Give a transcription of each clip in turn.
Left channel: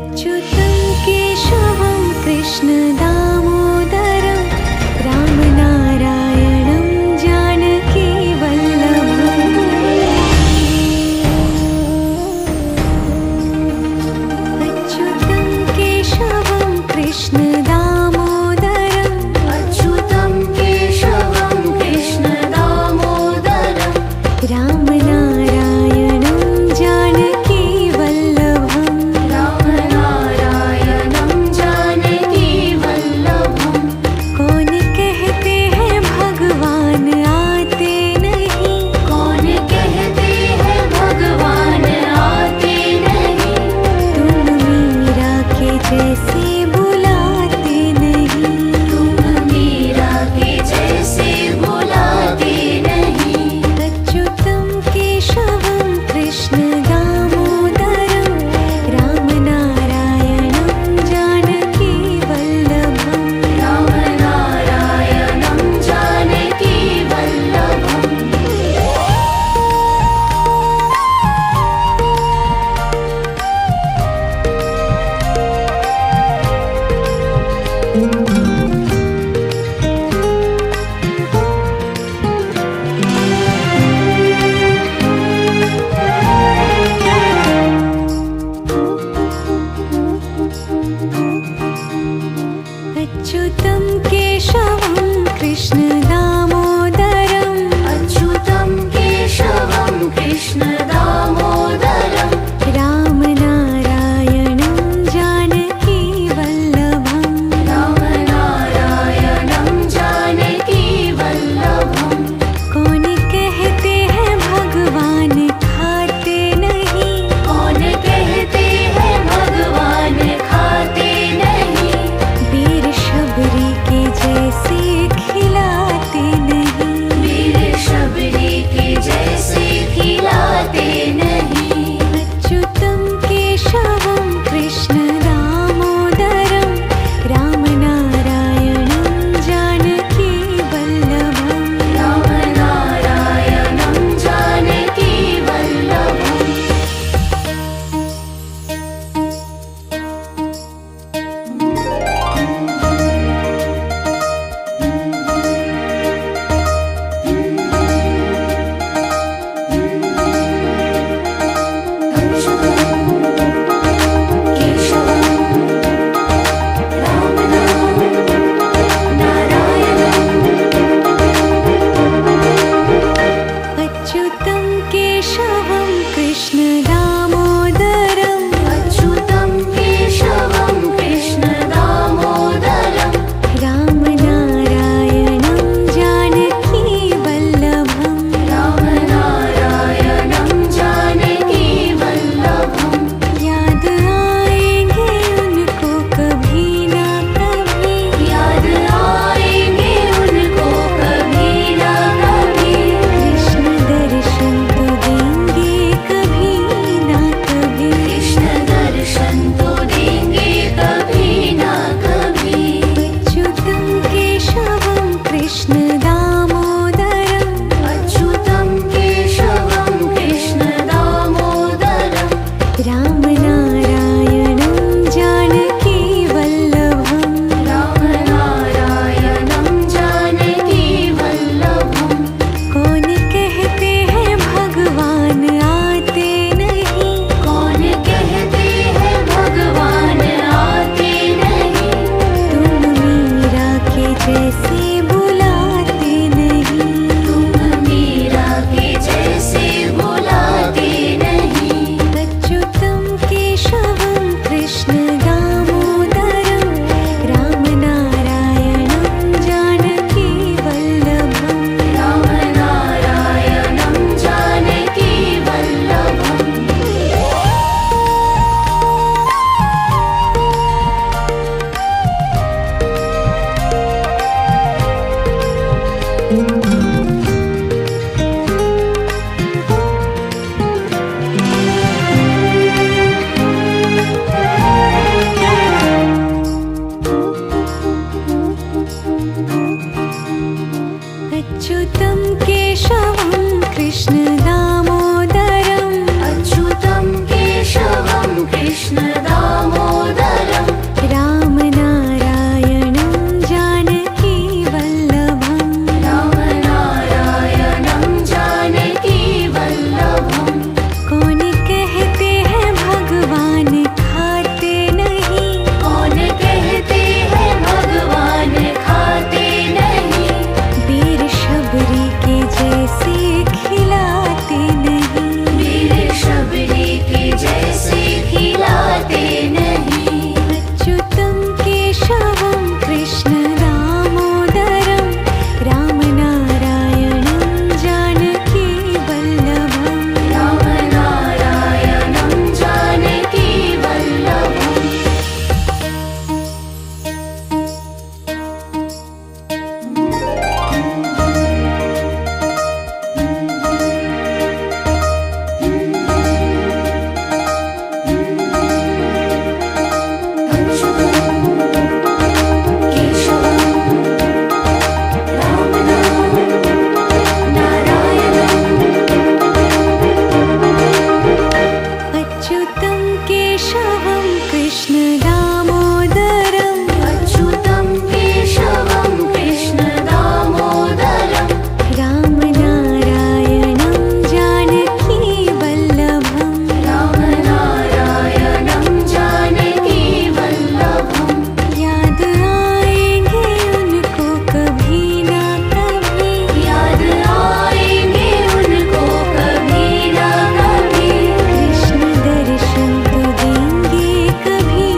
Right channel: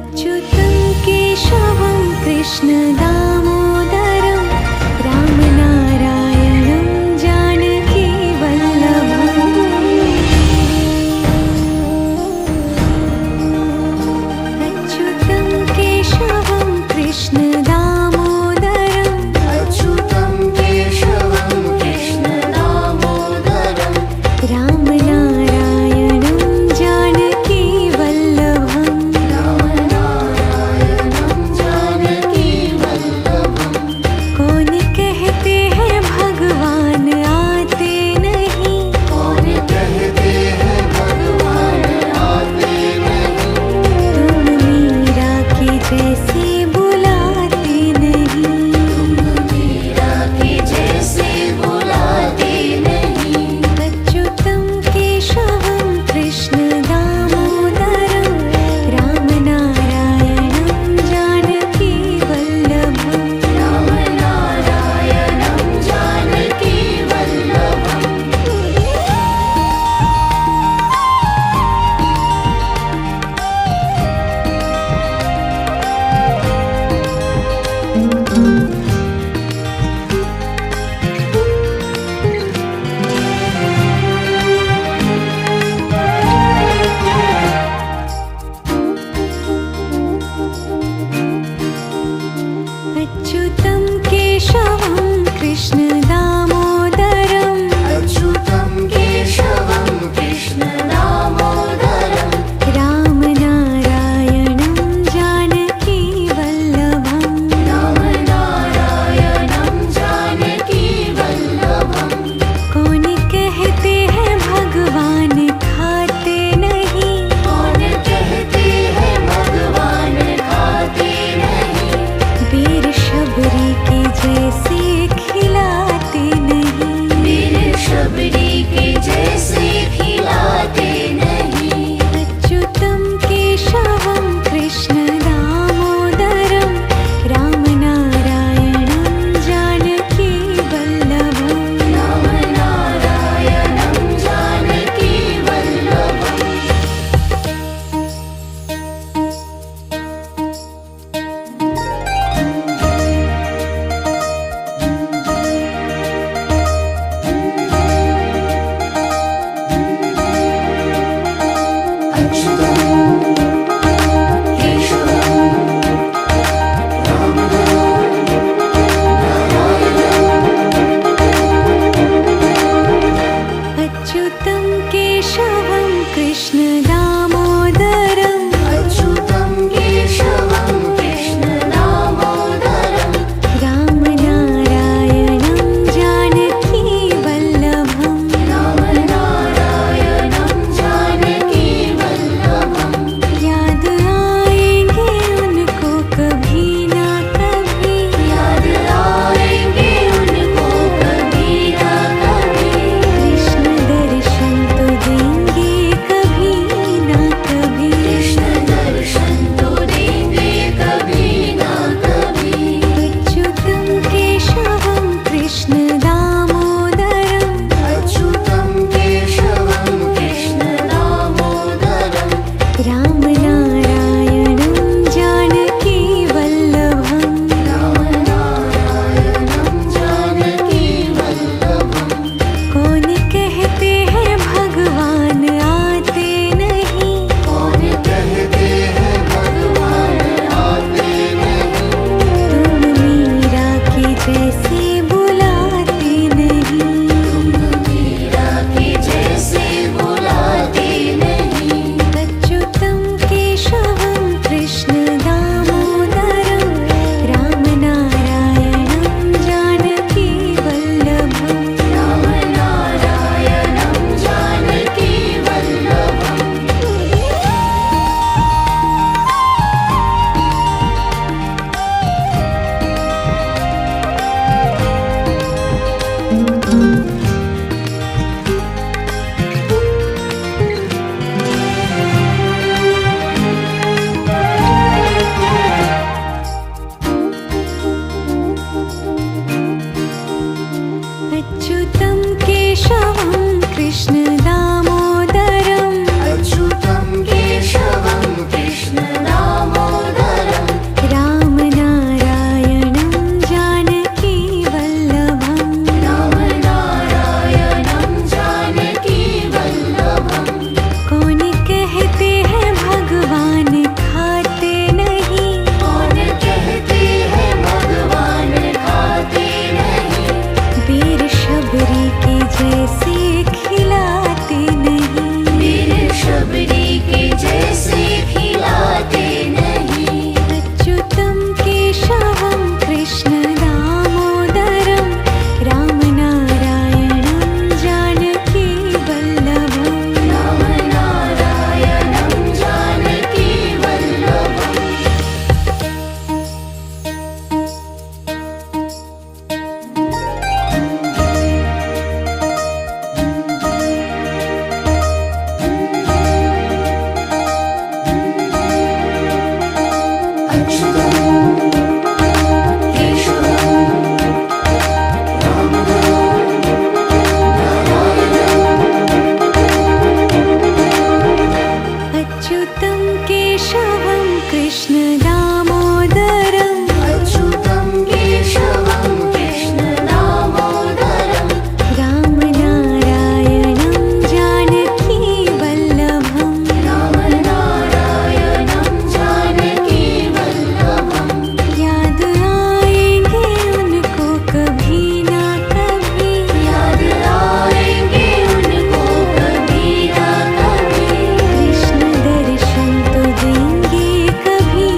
अच्युतं केशवं कृष्णदामोदरं रामनारायणं जानकीवल्लभम्। अच्युतं केशवं कृष्णदामोदरं रामनारायणं जानकीवल्लभम्। कौन कहते हैं भगवान आते नहीं, तुम मीरा के जैसे बुलाते नहीं। अच्युतं केशवं कृष्णदामोदरं रामनारायणं जानकीवल्लभम्। अच्युतं केशवं कृष्णदामोदरं रामनारायणं जानकीवल्लभम्। कौन कहते हैं भगवान खाते नहीं, वीर शबरी के जैसे खिलाते नहीं। अच्युतं केशवं कृष्णदामोदरं रामनारायणं जानकीवल्लभम्। अच्युतं केशवं कृष्णदामोदरं रामनारायणं जानकीवल्लभम्। याद आएंगे उनको कभी ना कभी, कृष्ण दर्शन तो देंगे कभी ना कभी। अच्युतं केशवं कृष्णदामोदरं रामनारायणं जानकीवल्लभम्। कौन कहते हैं भगवान आते नहीं, तुम मीरा के जैसे बुलाते नहीं। अच्युतं केशवं कृष्णदामोदरं रामनारायणं जानकीवल्लभम्। अच्युतं केशवं कृष्णदामोदरं अच्युतं केशवं कृष्णदामोदरं कृष्ण दामोदरम् अच्युतं केशवं कृष्ण दामोदरम् राम नारायणं जानकी वल्लभम् रामनारायणं जानकी वल्लभम् याद आएंगे उनको कभी ना कभी याद आएंगे उनको कभी ना कभी कृष्ण दर्शन तो देंगे कभी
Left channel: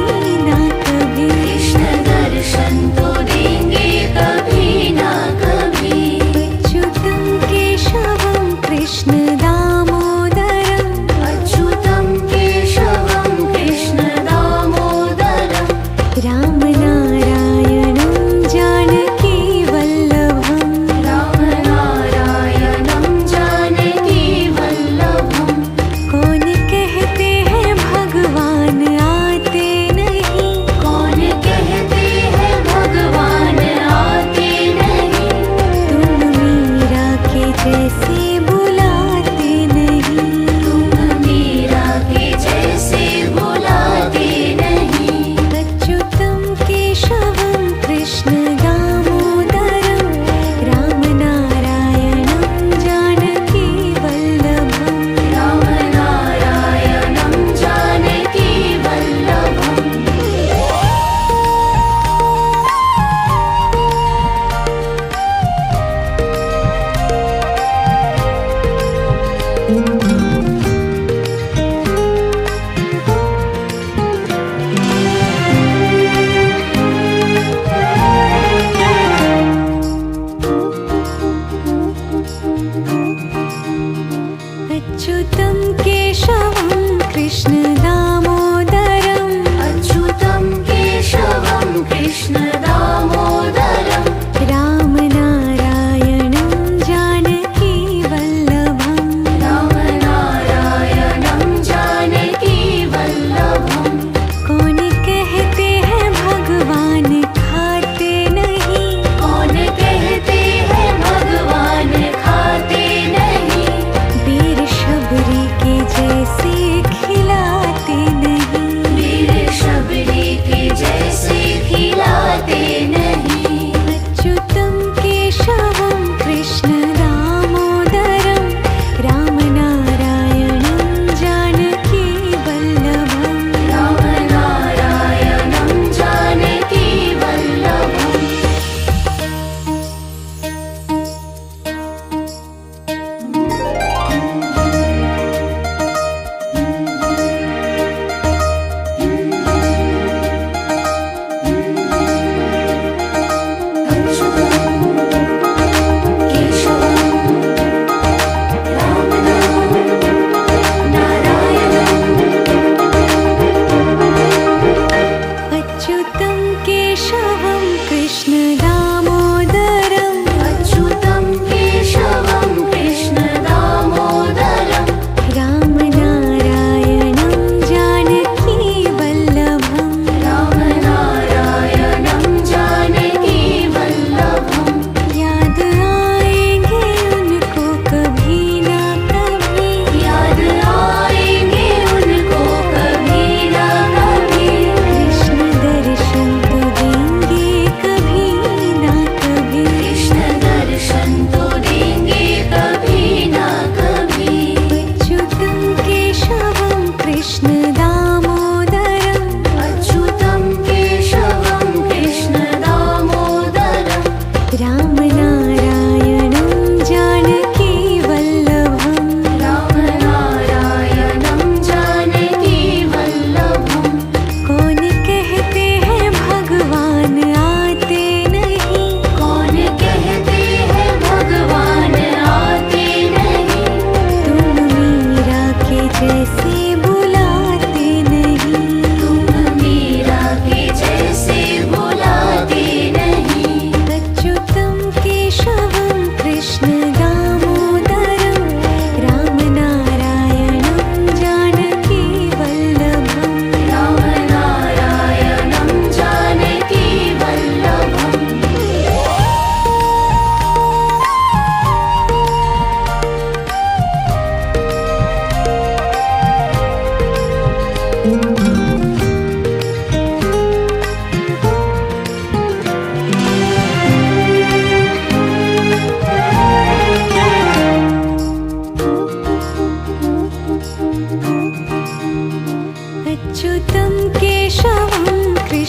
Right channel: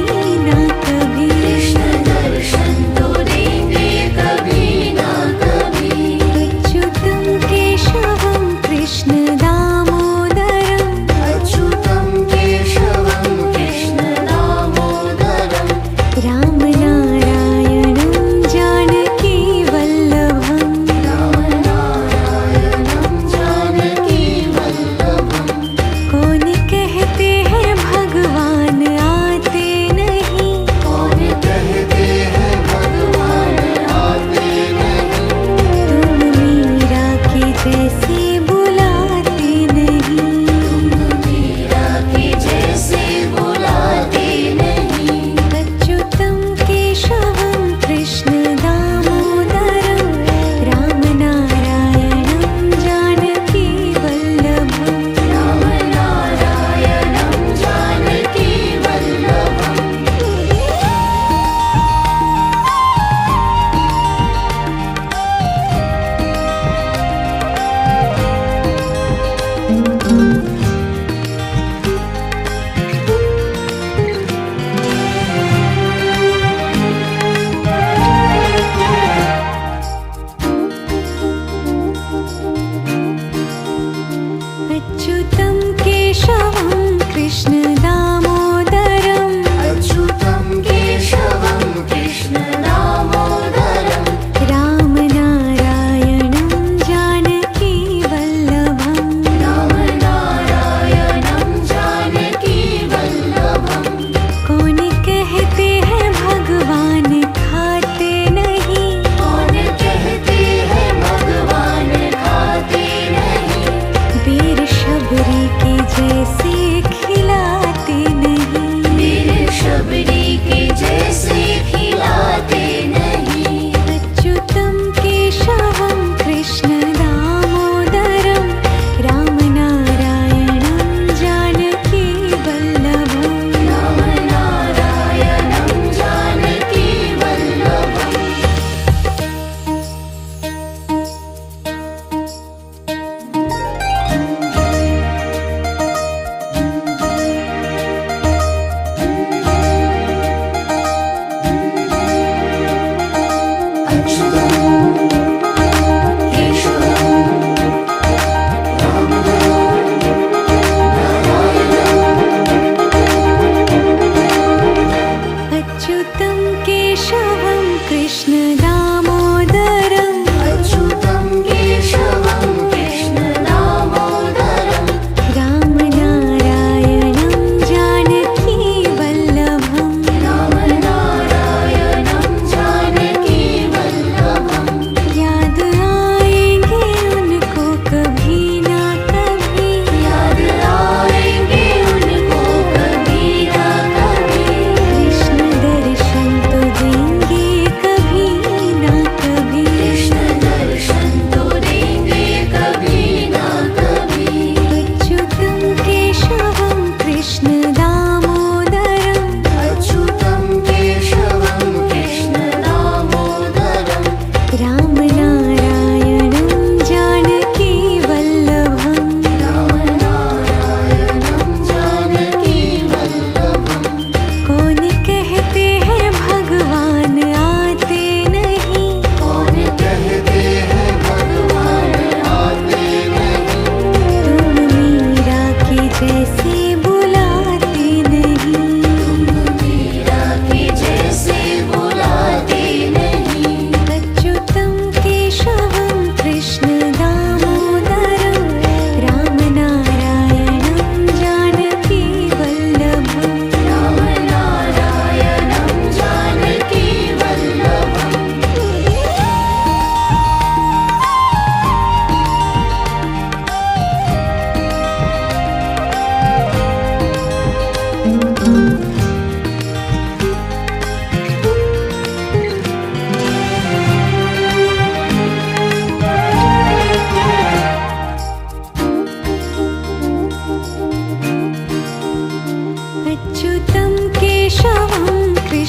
ना कभी कृष्ण दर्शन तो देंगे कभी ना कभी अच्युतं केशवं कृष्ण दामोदरम् अच्युतं केशवं कृष्ण दामोदरम् राम नारायणं जानकी वल्लभम् रामनारायणं जानकी वल्लभम् कौन कहते हैं भगवान आते नहीं कौन कहते हैं भगवान आते नहीं तुम मीरा के जैसे बुलाते नहीं मीरा के जैसे बुलाते नहीं अच्युतं केशवं कृष्ण दामोदरं राम नारायणं जानकी वल्लभम् रामनारायणं जानकी वल्लभम्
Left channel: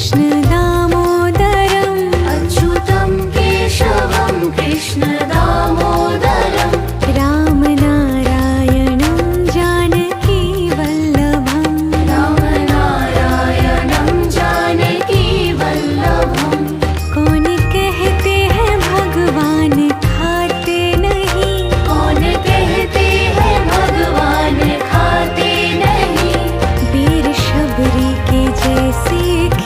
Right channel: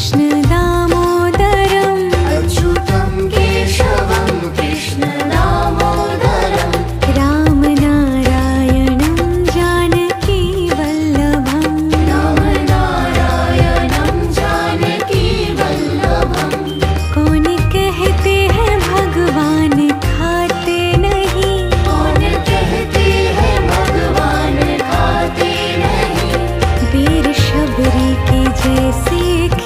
कृष्ण दामोदरम् अच्युतं केशवं कृष्ण दामोदरम् रामनारायणं जानकी वल्लभम् रामनारायणं जानकी वल्लभम् कौन कहते हैं भगवान खाते नहीं कौन कहते हैं भगवान खाते नहीं वीर शबरी के जैसे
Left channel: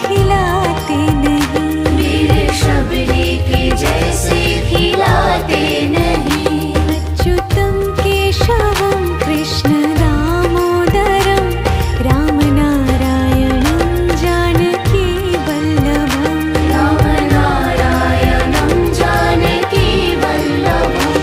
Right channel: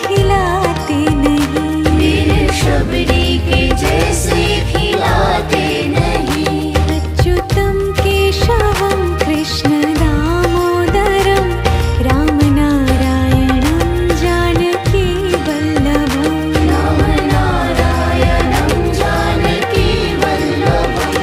खिलाते नहीं वीर शबरी के जैसे खिलाते नहीं अच्युतं केशवं कृष्ण दामोदरं रामनारायणं जानकी वल्लभम् रामनारायणं जानकी वल्लभम्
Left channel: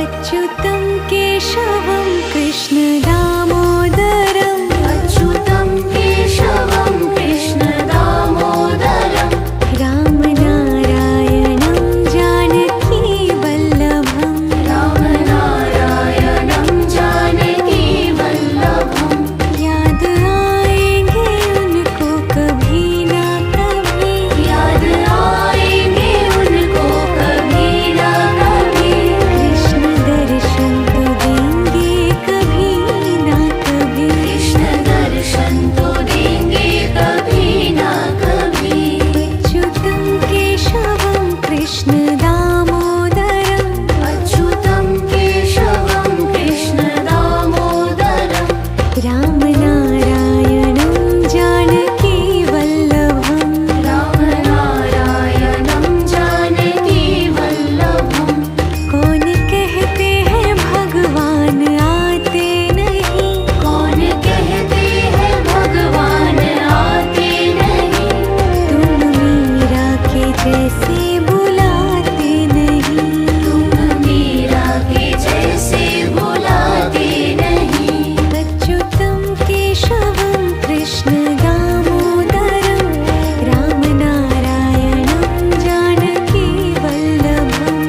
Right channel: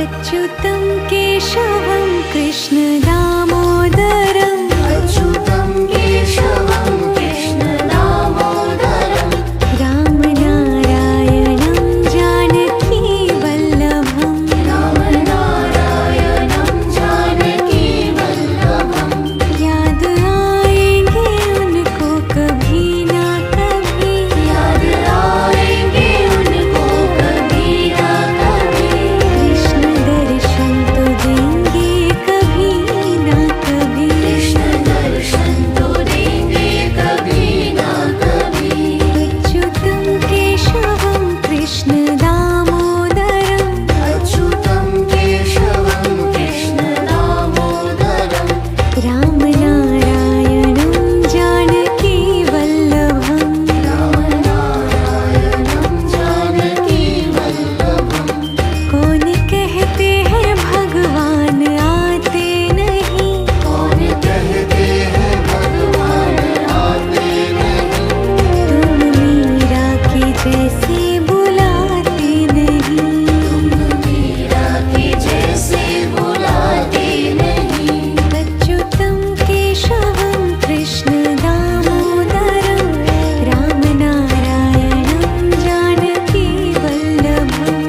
अच्युतं केशवं कृष्ण दामोदरम् अच्युतं केशवं कृष्ण दामोदरम् रामनारायणं जानकी वल्लभम् रामनारायणं जानकी वल्लभम् याद आएंगे उनको कभी ना कभी याद आएंगे उनको कभी ना कभी कृष्ण दर्शन तो देंगे कभी ना कभी कृष्ण दर्शन तो देंगे कभी ना कभी अच्युतं केशवं कृष्ण दामोदरम् अच्युतं केशवं कृष्ण दामोदरम् रामनारायणं जानकी वल्लभम् रामनारायणं जानकी वल्लभम् कौन कहते हैं भगवान आते नहीं कौन कहते हैं भगवान आते नहीं तुम मीरा के जैसे बुलाते नहीं मीरा के जैसे बुलाते नहीं अच्युतं केशवं कृष्ण दामोदरं रामनारायणं जानकी वल्लभम्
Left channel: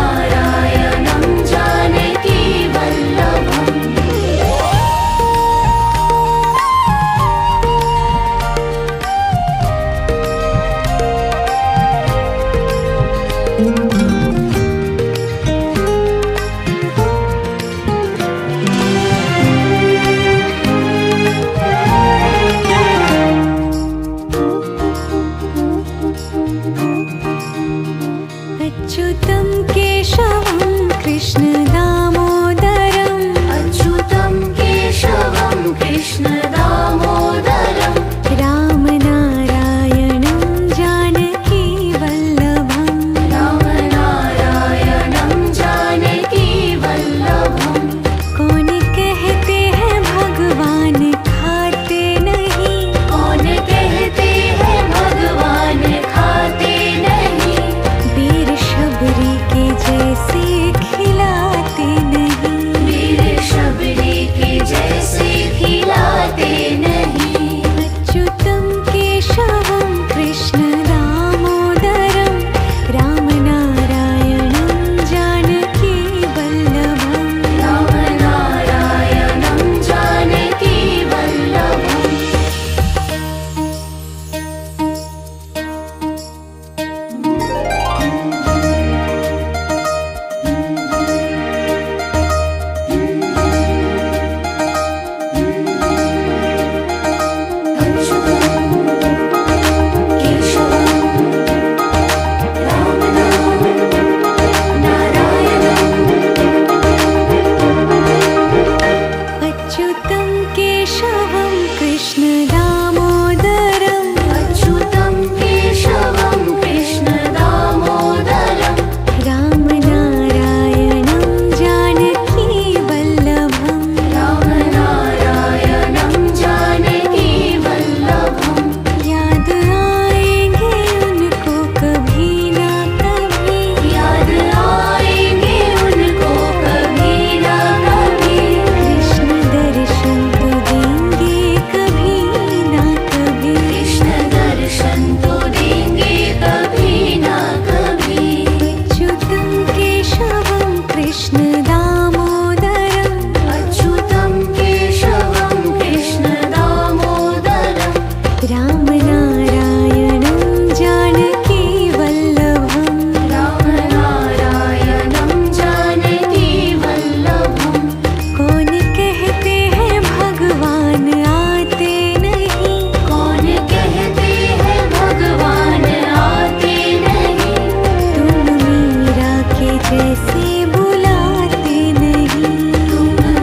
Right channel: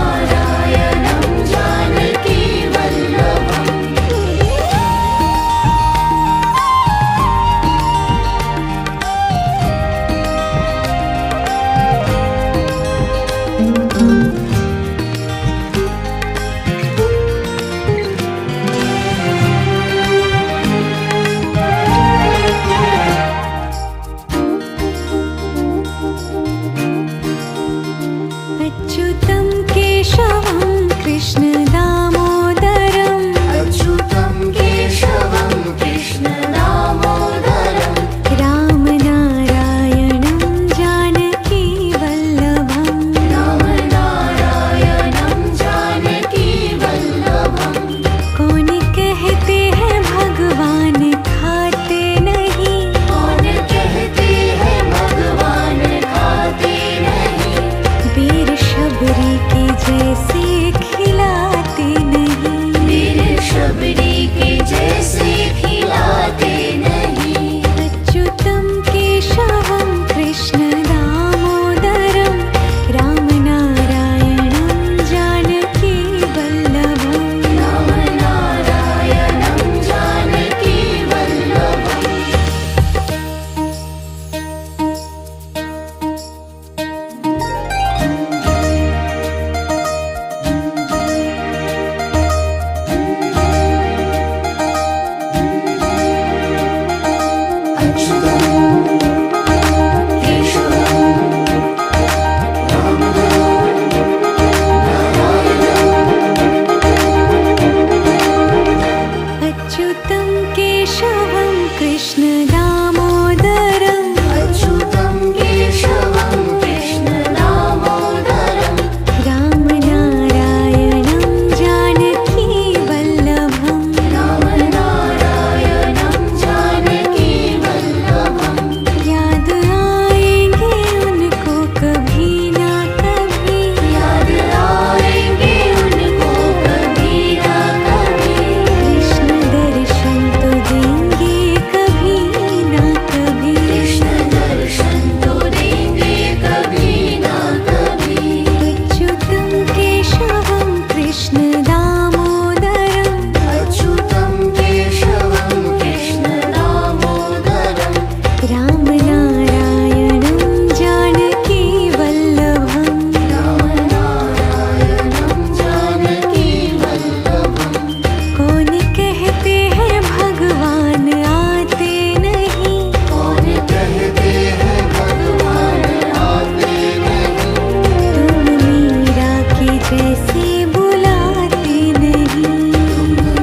रामनारायणं जानकी वल्लभम् अच्युतं केशवं कृष्ण दामोदरम् अच्युतं केशवं कृष्ण दामोदरम् रामनारायणं जानकी वल्लभम् रामनारायणं जानकी वल्लभम् कौन कहते हैं भगवान खाते नहीं कौन कहते हैं भगवान खाते नहीं वीर शबरी के जैसे खिलाते नहीं वीर शबरी के जैसे खिलाते नहीं अच्युतं केशवं कृष्ण दामोदरं रामनारायणं जानकी वल्लभम् रामनारायणं जानकी वल्लभम् जैसे बुलाते नहीं।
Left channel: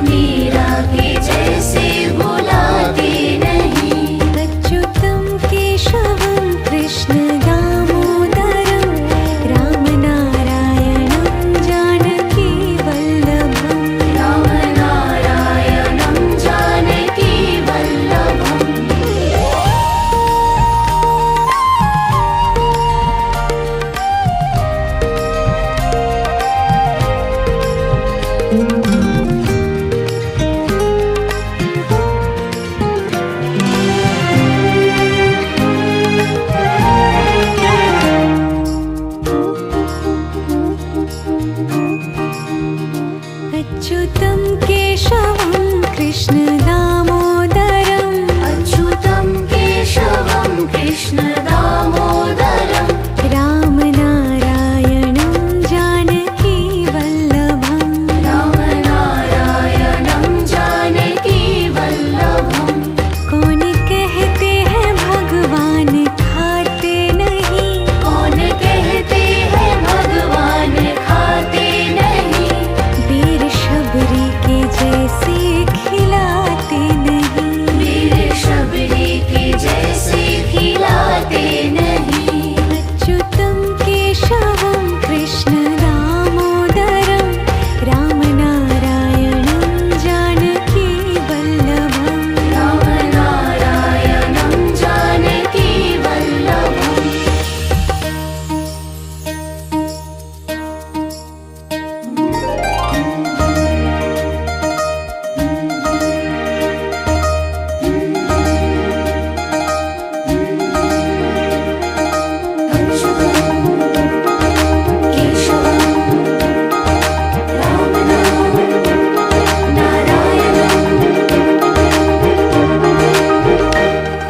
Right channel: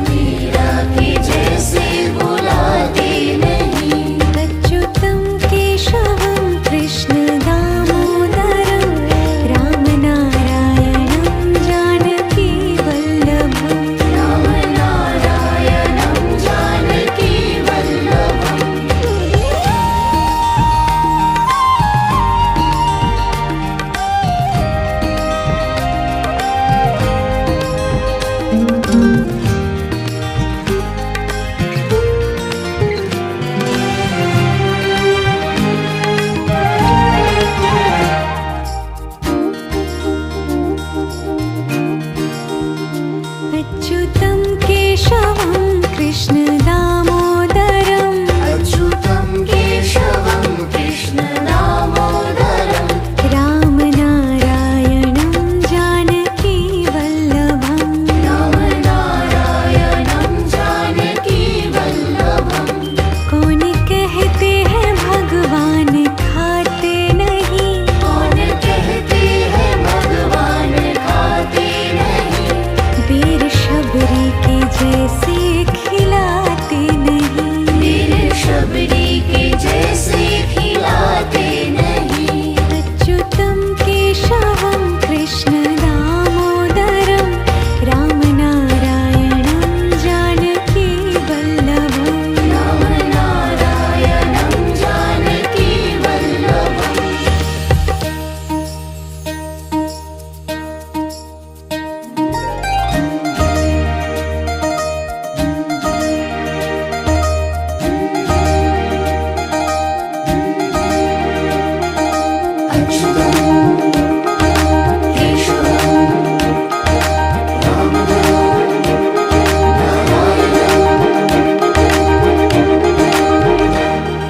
मीरा के जैसे बुलाते नहीं। अच्युतं केशवं कृष्ण दामोदरं रामनारायणं जानकी वल्लभम्। रामनारायणं जानकी वल्लभम्। अच्युतं केशवं कृष्ण दामोदरं अच्युतं केशवं कृष्ण दामोदरं। रामनारायणं जानकी वल्लभम्। रामनारायणं जानकी वल्लभम्। कौन कहते हैं भगवान खाते नहीं। कौन कहते हैं भगवान खाते नहीं। वीर शबरी के जैसे खिलाते नहीं। वीर शबरी के जैसे खिलाते नहीं। अच्युतं केशवं कृष्ण दामोदरं रामनारायणं जानकी वल्लभम्। रामनारायणं जानकी वल्लभम्।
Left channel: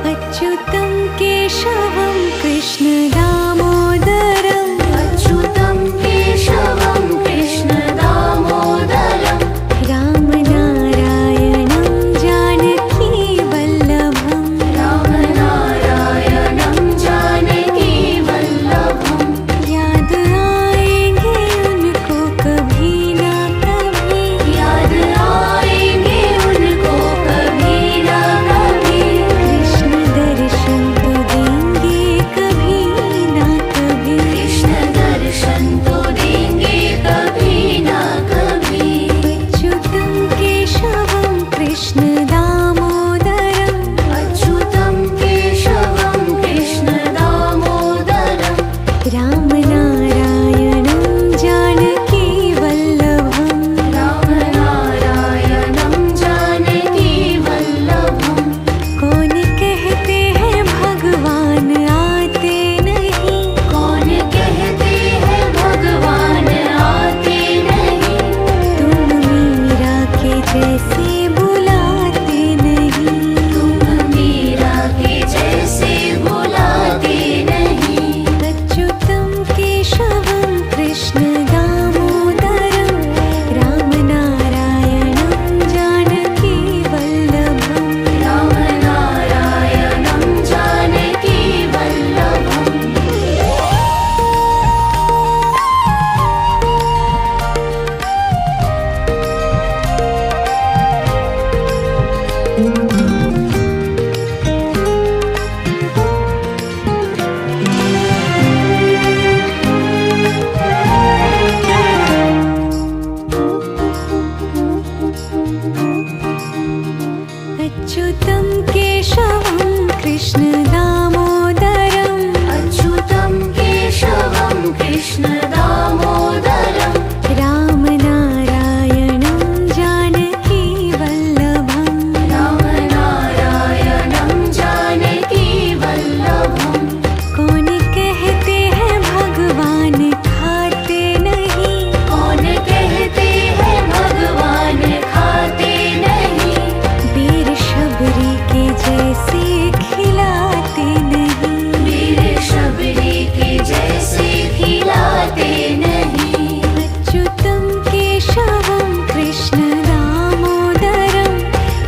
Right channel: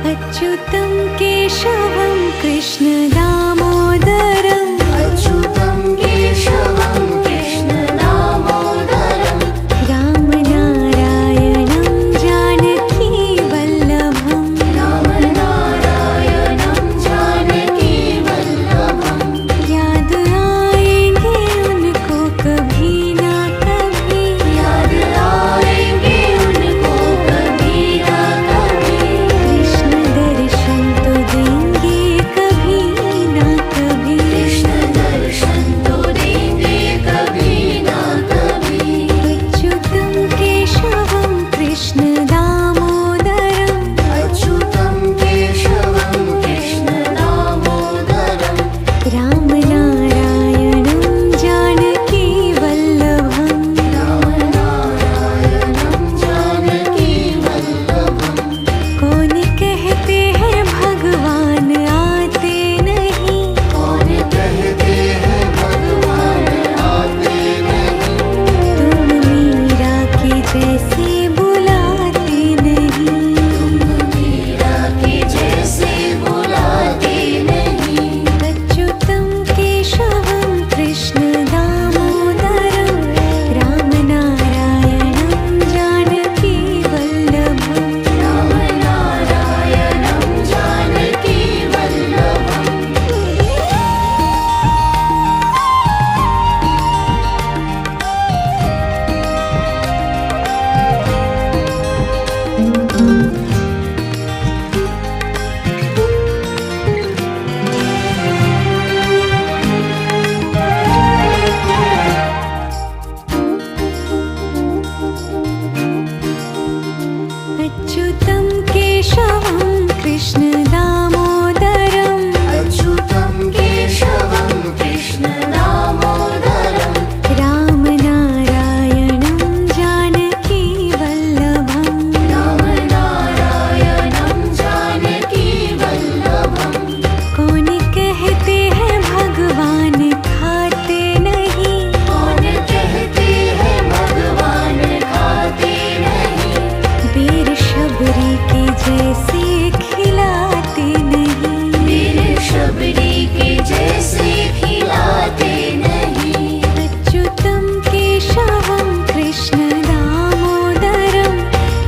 अच्युतं केशवं कृष्ण दामोदरं अच्युतं केशवं कृष्ण दामोदरं। रामनारायणं जानकी वल्लभम्। रामनारायणं जानकी वल्लभम्। याद आएंगे उनको कभी ना कभी। याद आएंगे उनको कभी ना कभी। कृष्ण दर्शन तो देंगे कभी ना कभी। कृष्ण दर्शन तो देंगे कभी ना कभी। अच्युतं केशवं कृष्ण दामोदरं अच्युतं केशवं कृष्ण दामोदरं। रामनारायणं जानकी वल्लभम्। रामनारायणं जानकी वल्लभम्। कौन कहते हैं भगवान आते नहीं। कौन कहते हैं भगवान आते नहीं। तुम मीरा के जैसे बुलाते नहीं। मीरा के जैसे बुलाते नहीं। अच्युतं केशवं कृष्ण दामोदरं रामनारायणं जानकी वल्लभम्। रामनारायणं जानकी वल्लभम्। अच्युतं केशवं कृष्ण दामोदरं अच्युतं केशवं कृष्ण दामोदरं। रामनारायणं जानकी वल्लभम्। रामनारायणं जानकी वल्लभम्। कौन कहते हैं भगवान खाते नहीं। कौन कहते हैं भगवान खाते नहीं। वीर शबरी के जैसे खिलाते नहीं। वीर शबरी के जैसे खिलाते नहीं। अच्युतं केशवं कृष्ण दामोदरं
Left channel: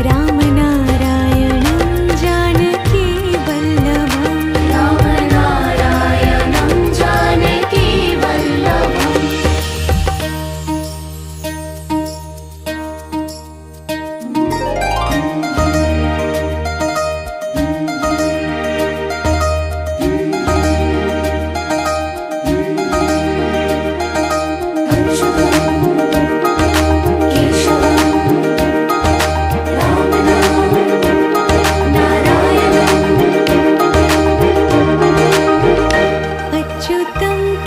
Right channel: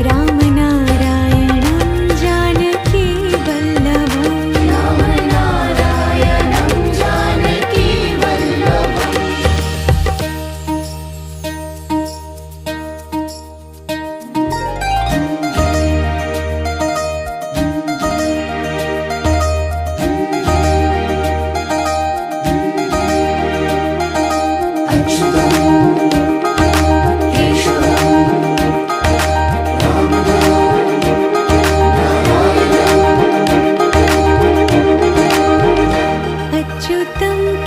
रामनारायणं जानकी वल्लभम्। रामनारायणं जानकी वल्लभम्।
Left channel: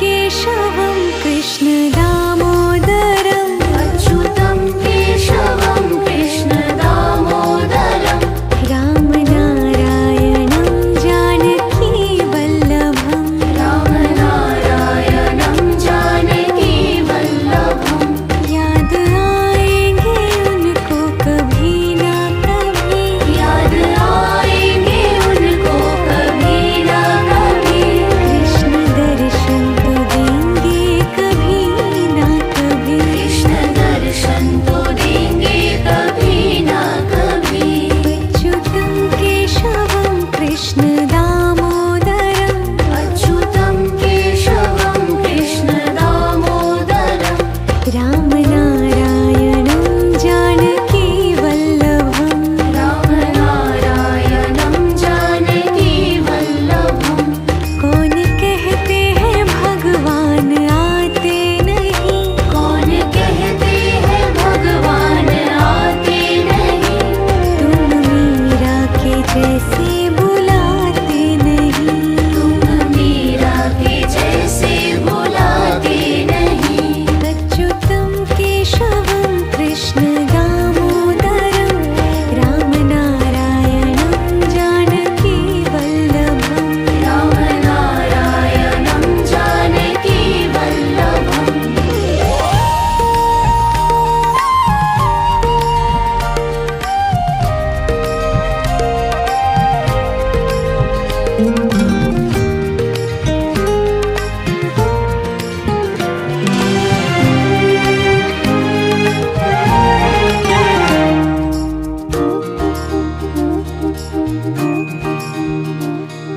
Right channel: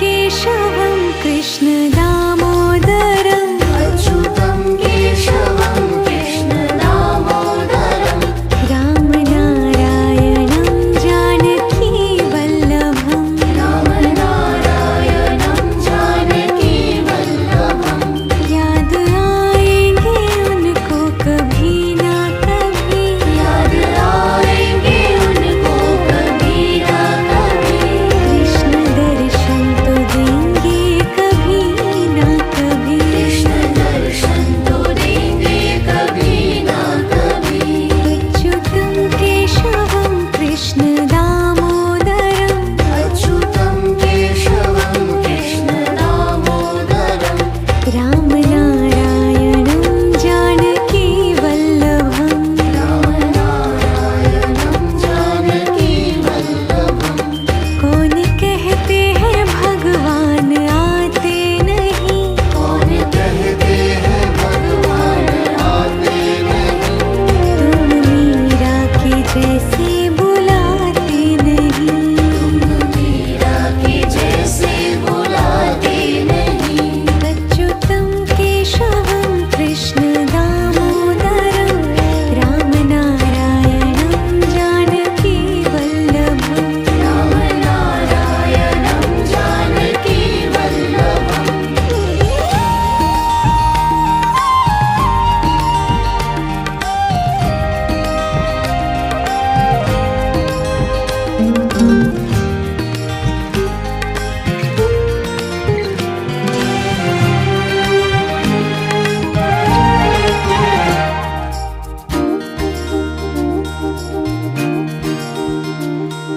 केशवं कृष्ण दामोदरम् अच्युतं केशवं कृष्ण दामोदरम् रामनारायणं जानकी वल्लभम् रामनारायणं जानकी वल्लभम् याद आएंगे उनको कभी ना कभी याद आएंगे उनको कभी ना कभी कृष्ण दर्शन तो देंगे कभी ना कभी कृष्ण दर्शन तो देंगे कभी ना कभी अच्युतं केशवं कृष्ण दामोदरम् अच्युतं केशवं कृष्ण दामोदरम् रामनारायणं जानकी वल्लभम् रामनारायणं जानकी वल्लभम् कौन कहते हैं भगवान आते नहीं कौन कहते हैं भगवान आते नहीं तुम मीरा के जैसे बुलाते नहीं मीरा के जैसे बुलाते नहीं अच्युतं केशवं कृष्ण दामोदरं रामनारायणं जानकी वल्लभम् रामनारायणं जानकी वल्लभम्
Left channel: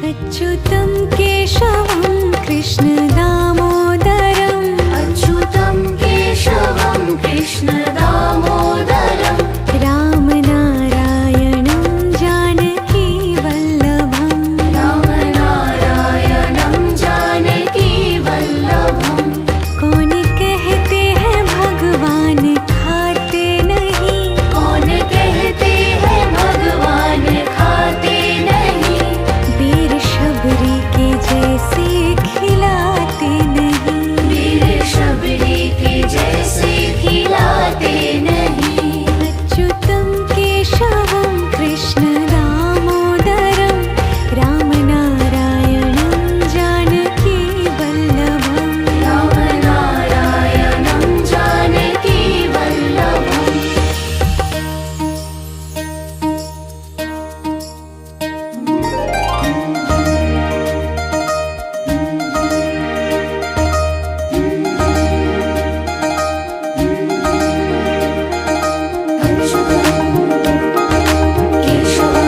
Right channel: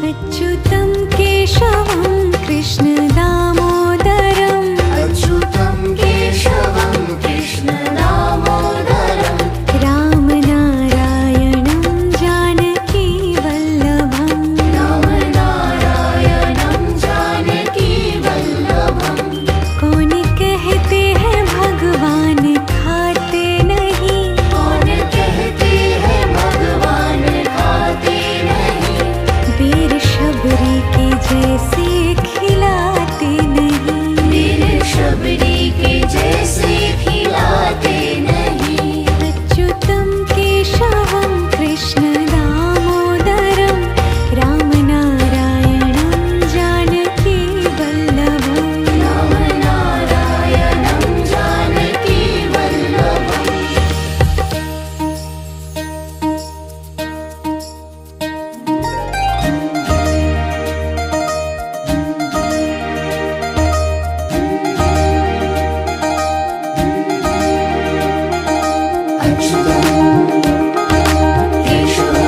अच्युतं केशवं कृष्ण दामोदरम् अच्युतं केशवं कृष्ण दामोदरम् रामनारायणं जानकी वल्लभम् रामनारायणं जानकी वल्लभम् कौन कहते हैं भगवान खाते नहीं कौन कहते हैं भगवान खाते नहीं वीर शबरी के जैसे खिलाते नहीं वीर शबरी के जैसे खिलाते नहीं अच्युतं केशवं कृष्ण दामोदरं रामनारायणं जानकी वल्लभम् रामनारायणं जानकी वल्लभम् केशवं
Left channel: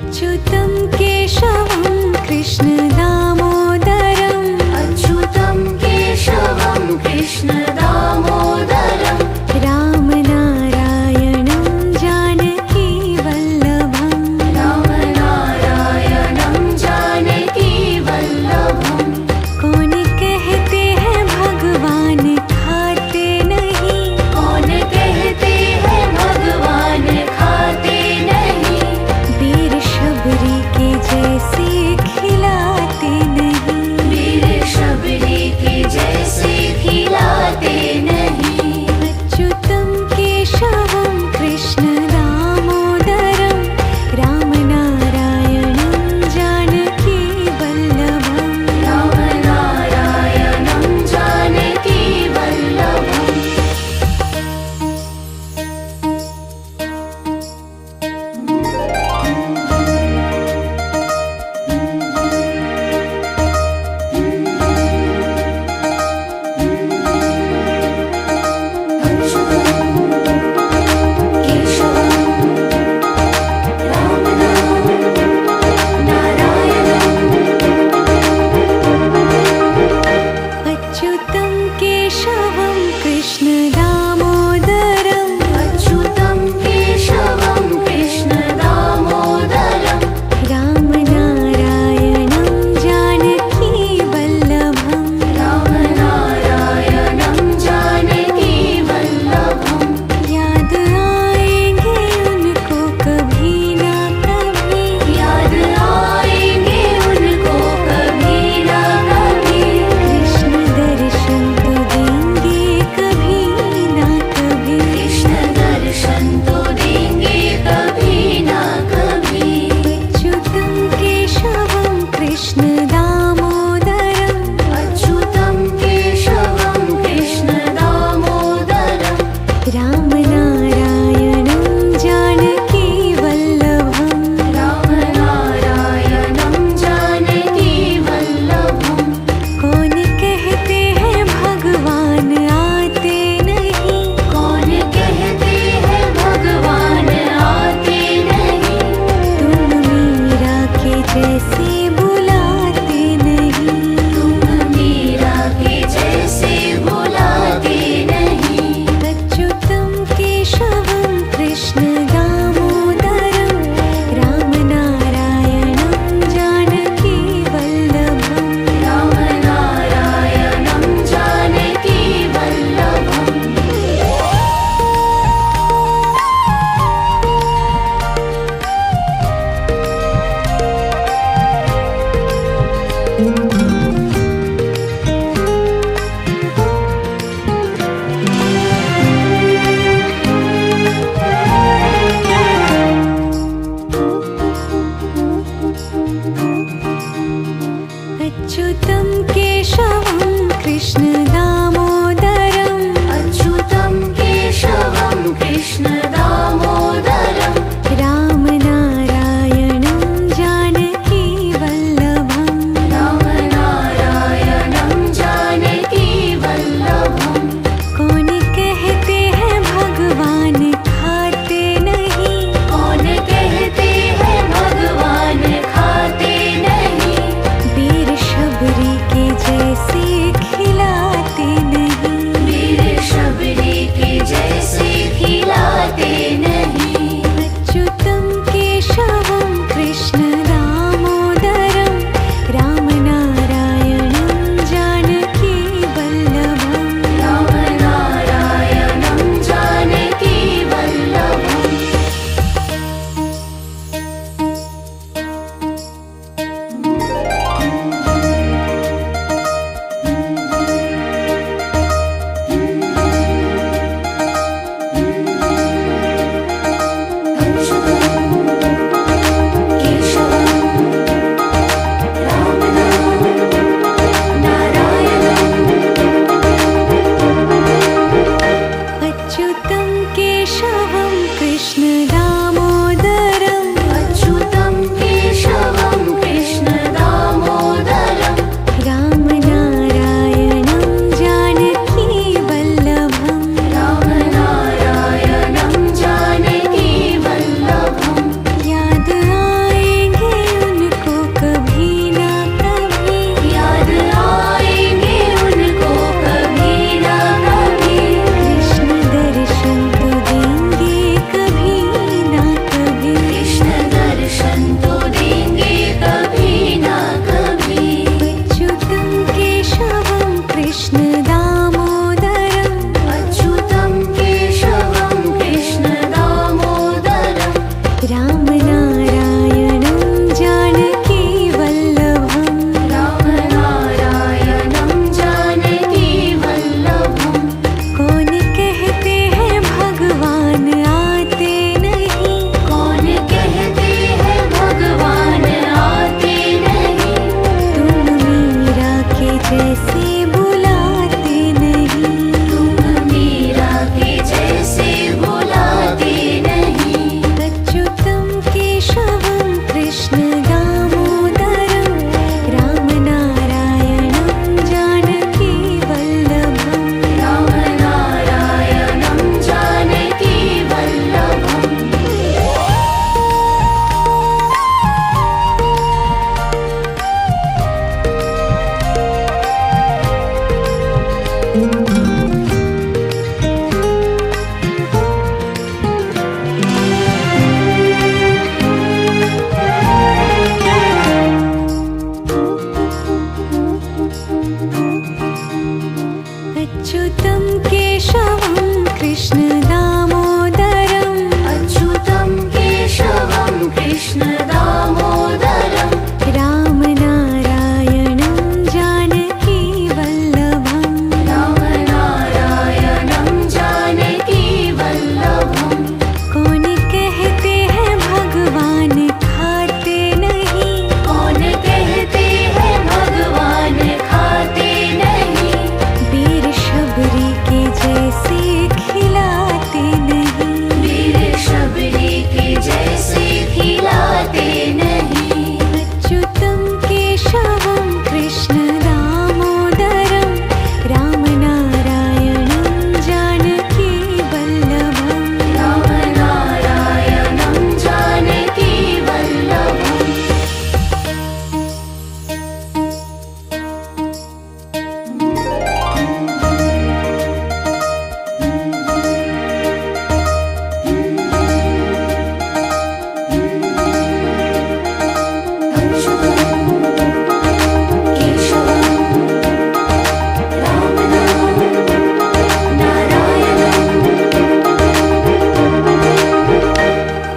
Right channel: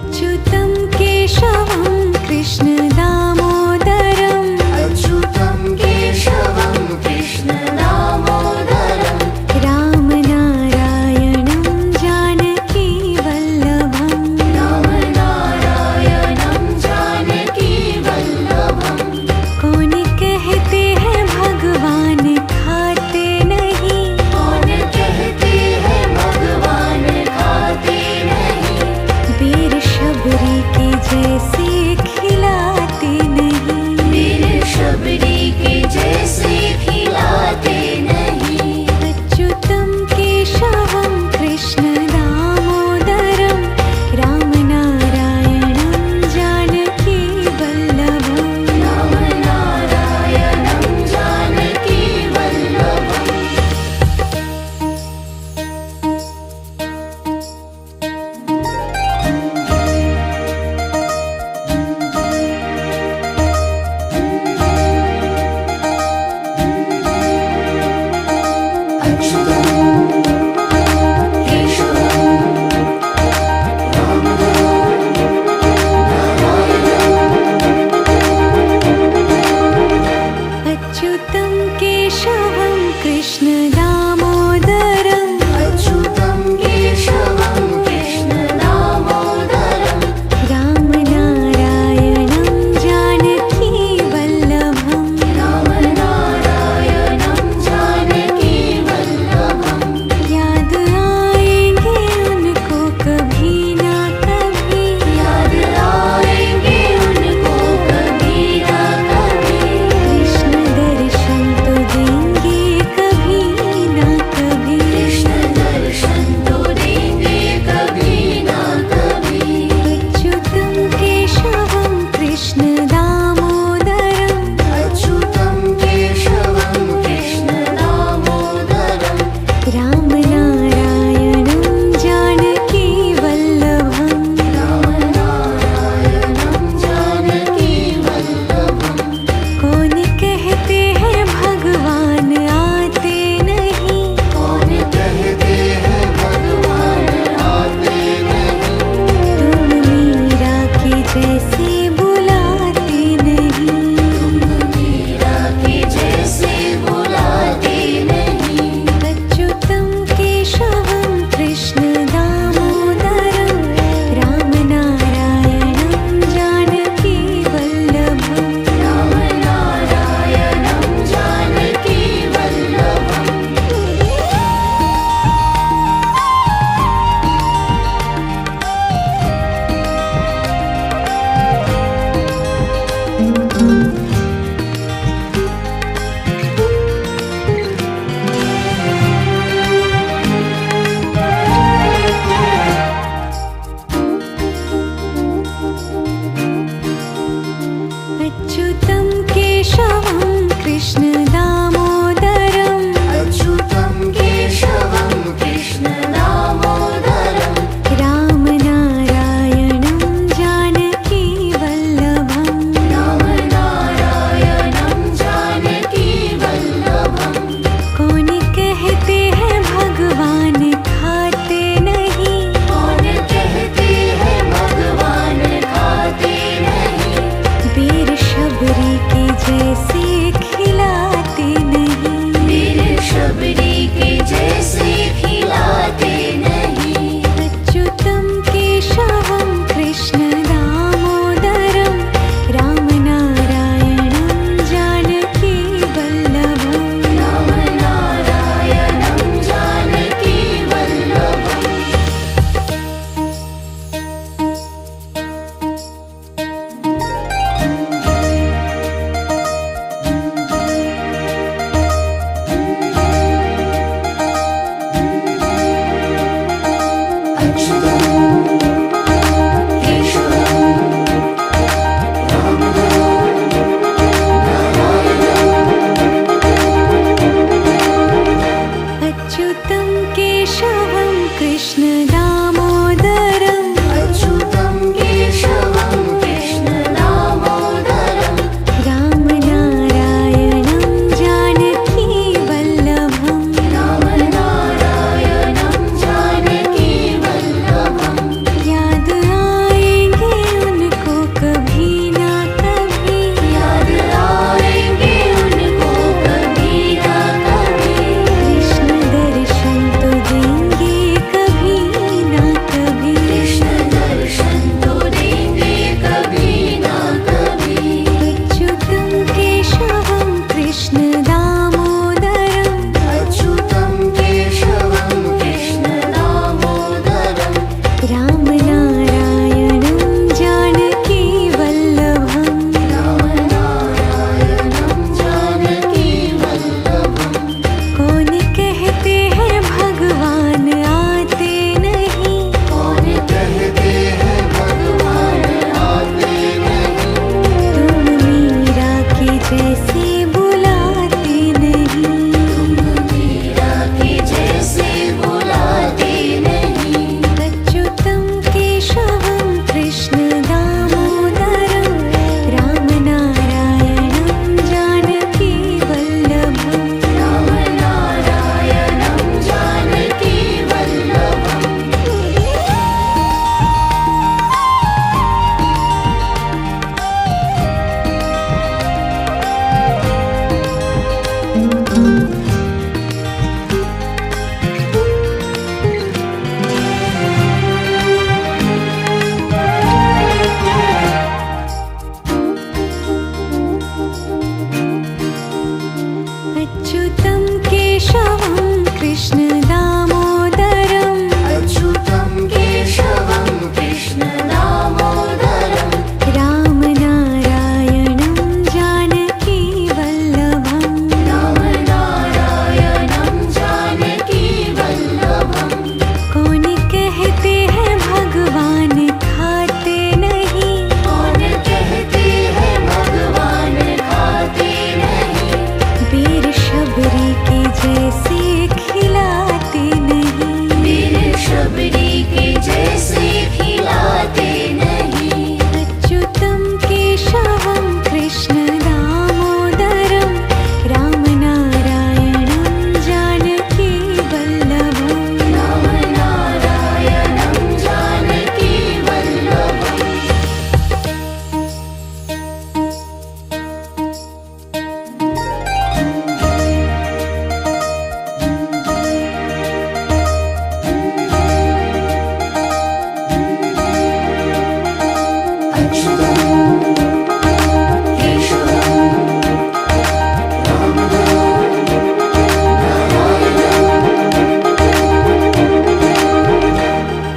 अच्युतं केशवं कृष्ण दामोदरम् अच्युतं केशवं कृष्ण दामोदरं रामनारायणं जानकी वल्लभम् रामनारायणं जानकी वल्लभं कौन कहते हैं भगवान खाते नहीं, कौन कहते हैं भगवान खाते नहीं वीर शबरी के जैसे खिलाते नहीं। वीर शबरी के जैसे खिलाते नहीं अच्युतं केशवं कृष्ण दामोदरं रामनारायणं जानकी वल्लभम् रामनारायणं जानकी वल्लभम् अच्युतं केशवं कृष्ण दामोदरम् अच्युतं केशवं कृष्ण दामोदरं रामनारायणं जानकी वल्लभम् रामनारायणं जानकी वल्लभं याद आएंगे उनको कभी ना कभी, याद आएंगे उनको कभी ना कभी कृष्ण दर्शन तो देंगे कभी ना कभी। कृष्ण दर्शन तो देंगे कभी ना कभी अच्युतं केशवं कृष्ण दामोदरम् अच्युतं केशवं कृष्ण दामोदरं रामनारायणं जानकी वल्लभम् रामनारायणं जानकी वल्लभं कौन कहते हैं भगवान आते नहीं, कौन कहते हैं भगवान आते नहीं तुम मीरा के जैसे बुलाते नहीं। मीरा के जैसे बुलाते नहीं अच्युतं केशवं कृष्ण दामोदरं रामनारायणं जानकी वल्लभम् रामनारायणं जानकी वल्लभम् अच्युतं केशवं कृष्ण दामोदरम् अच्युतं केशवं कृष्ण दामोदरं रामनारायणं जानकी वल्लभम् रामनारायणं जानकी वल्लभं कौन कहते हैं भगवान खाते नहीं, कौन कहते हैं भगवान खाते नहीं वीर शबरी के जैसे खिलाते नहीं। वीर शबरी के जैसे खिलाते नहीं अच्युतं केशवं कृष्ण दामोदरं रामनारायणं जानकी वल्लभम् रामनारायणं जानकी वल्लभम् केशवं जैसे बुलाते नहीं। मीरा के जैसे बुलाते नहीं। अच्युतं केशवं कृष्ण दामोदरं रामनारायणं जानकी वल्लभम्। रामनारायणं जानकी वल्लभम्। अच्युतं केशवं कृष्ण दामोदरं अच्युतं केशवं कृष्ण दामोदरं। रामनारायणं जानकी वल्लभम्। रामनारायणं जानकी वल्लभम्। कौन कहते हैं भगवान खाते नहीं। कौन कहते हैं भगवान खाते नहीं। वीर शबरी के जैसे खिलाते नहीं। वीर शबरी के जैसे खिलाते नहीं। अच्युतं केशवं कृष्ण दामोदरं रामनारायणं जानकी वल्लभम्। रामनारायणं जानकी वल्लभम्।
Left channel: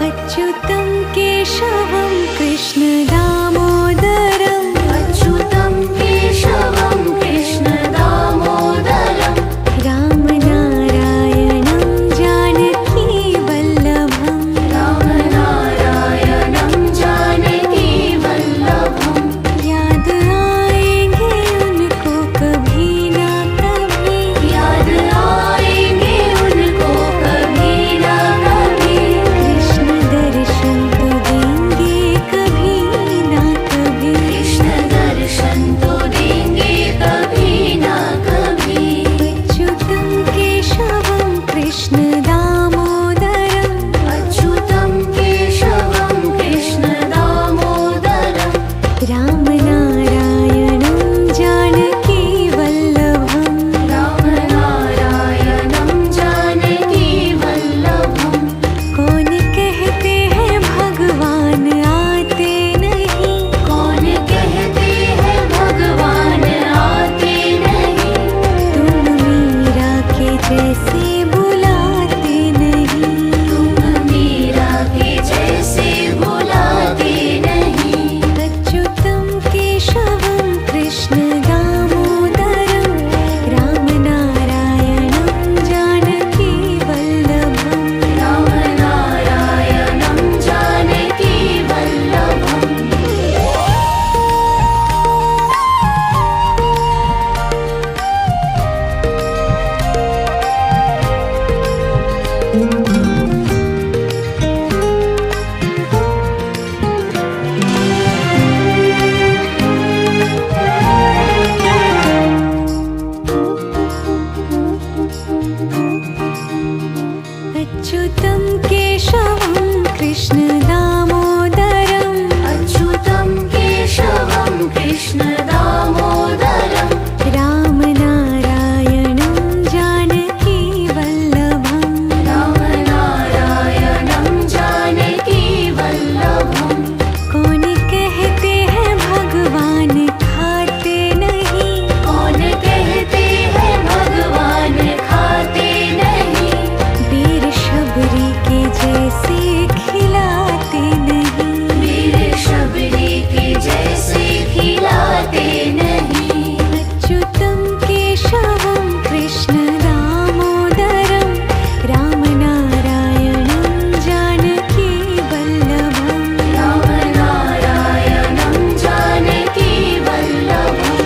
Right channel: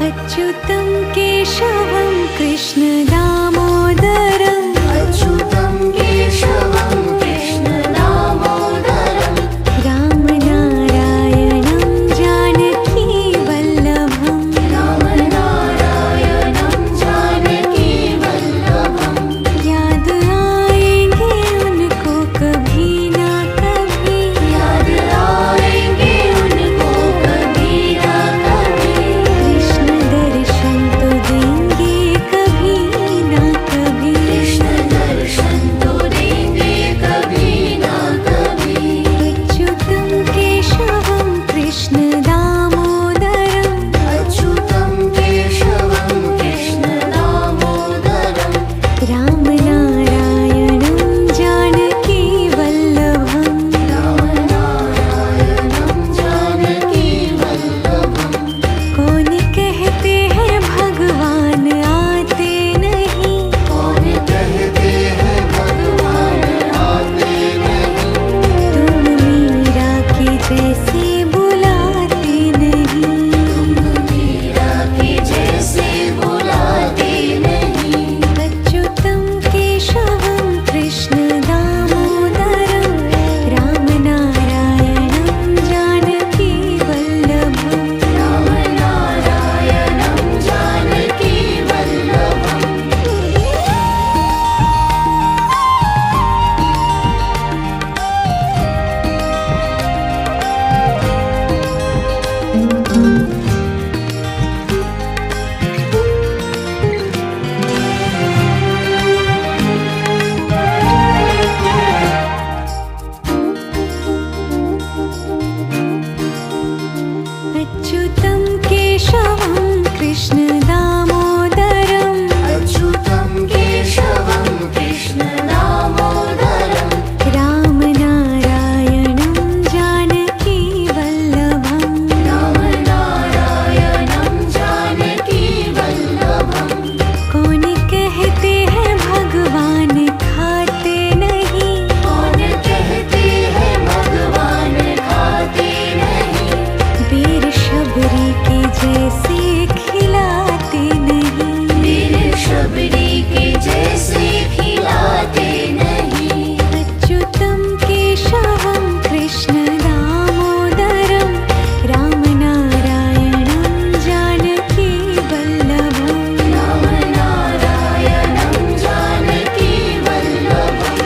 अच्युतं केशवं कृष्ण दामोदरं अच्युतं केशवं कृष्ण दामोदरं। रामनारायणं जानकी वल्लभम्। रामनारायणं जानकी वल्लभम्। याद आएंगे उनको कभी ना कभी। याद आएंगे उनको कभी ना कभी। कृष्ण दर्शन तो देंगे कभी ना कभी। कृष्ण दर्शन तो देंगे कभी ना कभी। अच्युतं केशवं कृष्ण दामोदरं अच्युतं केशवं कृष्ण दामोदरं। रामनारायणं जानकी वल्लभम्। रामनारायणं जानकी वल्लभम्। कौन कहते हैं भगवान आते नहीं। कौन कहते हैं भगवान आते नहीं। तुम मीरा के जैसे बुलाते नहीं। मीरा के जैसे बुलाते नहीं। अच्युतं केशवं कृष्ण दामोदरं रामनारायणं जानकी वल्लभम्। रामनारायणं जानकी वल्लभम्। अच्युतं केशवं कृष्ण दामोदरं अच्युतं केशवं कृष्ण दामोदरं। रामनारायणं जानकी वल्लभम्। रामनारायणं जानकी वल्लभम्। कौन कहते हैं भगवान खाते नहीं। कौन कहते हैं भगवान खाते नहीं। वीर शबरी के जैसे खिलाते नहीं। वीर शबरी के जैसे खिलाते नहीं। अच्युतं केशवं कृष्ण दामोदरं रामनारायणं जानकी वल्लभम्। रामनारायणं जानकी वल्लभम्।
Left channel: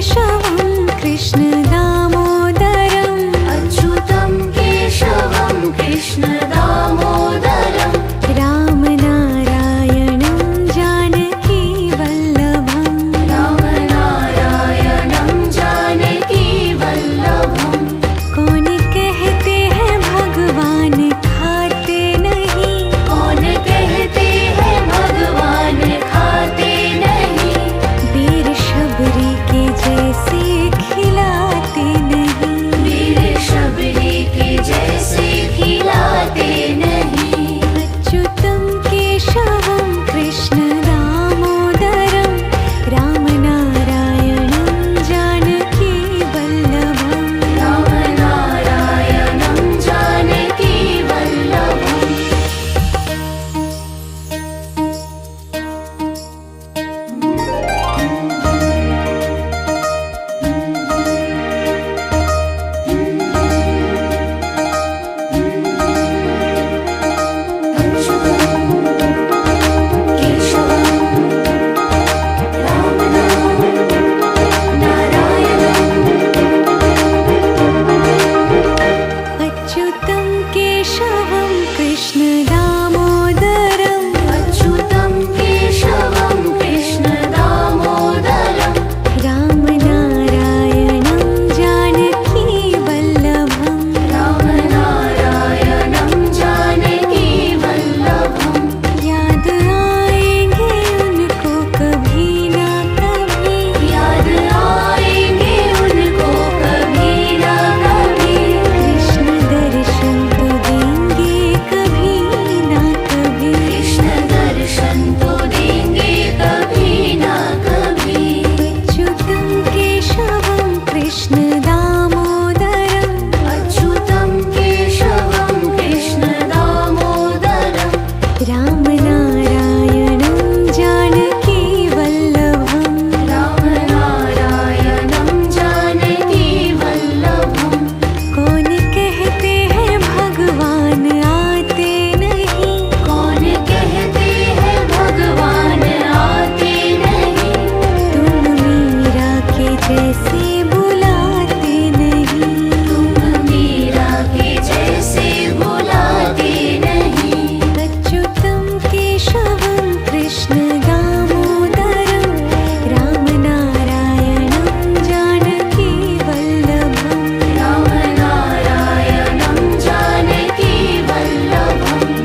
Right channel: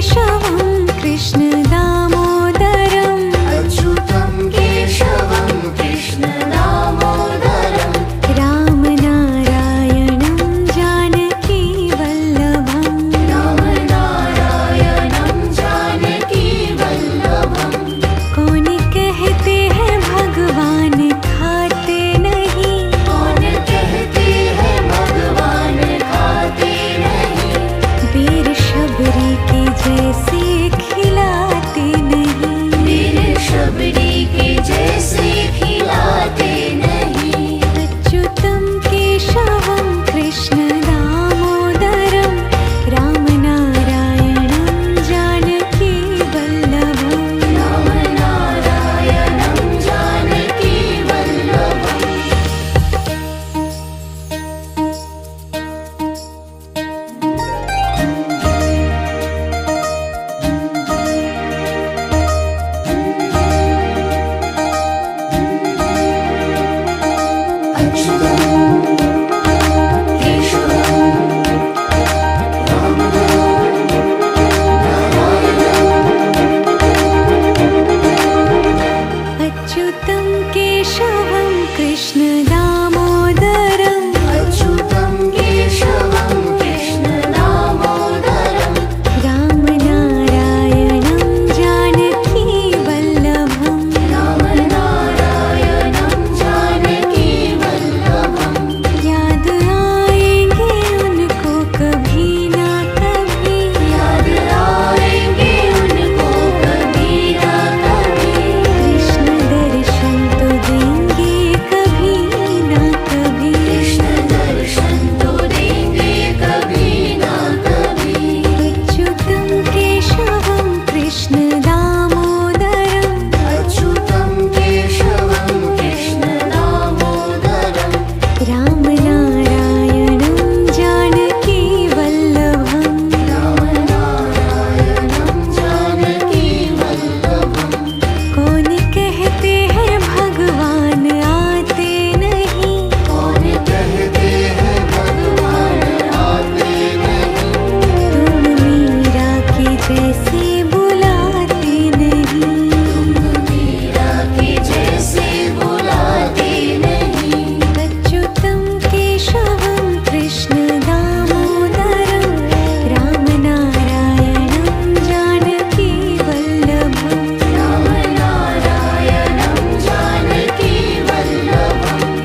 केशवं कृष्ण दामोदरम् अच्युतं केशवं कृष्ण दामोदरं रामनारायणं जानकी वल्लभम् रामनारायणं जानकी वल्लभं कौन कहते हैं भगवान खाते नहीं कौन कहते हैं भगवान खाते नहीं वीर शबरी के जैसे खिलाते नहीं वीर शबरी के जैसे खिलाते नहीं अच्युतं केशवं कृष्ण दामोदरं रामनारायणं जानकी वल्लभम् रामनारायणं जानकी वल्लभम् अच्युतं केशवं कृष्ण दामोदरम् अच्युतं केशवं कृष्ण दामोदरं रामनारायणं जानकी वल्लभम् रामनारायणं जानकी वल्लभं याद आएंगे उनको कभी ना कभी याद आएंगे उनको कभी ना कभी कृष्ण दर्शन तो देंगे कभी ना कभी कृष्ण दर्शन तो देंगे कभी ना कभी अच्युतं केशवं कृष्ण दामोदरम् अच्युतं केशवं कृष्ण दामोदरं रामनारायणं जानकी वल्लभम् रामनारायणं जानकी वल्लभं कौन कहते हैं भगवान आते नहीं कौन कहते हैं भगवान आते नहीं तुम मीरा के जैसे बुलाते नहीं मीरा के जैसे बुलाते नहीं अच्युतं केशवं कृष्ण दामोदरं रामनारायणं जानकी वल्लभम् रामनारायणं जानकी वल्लभम्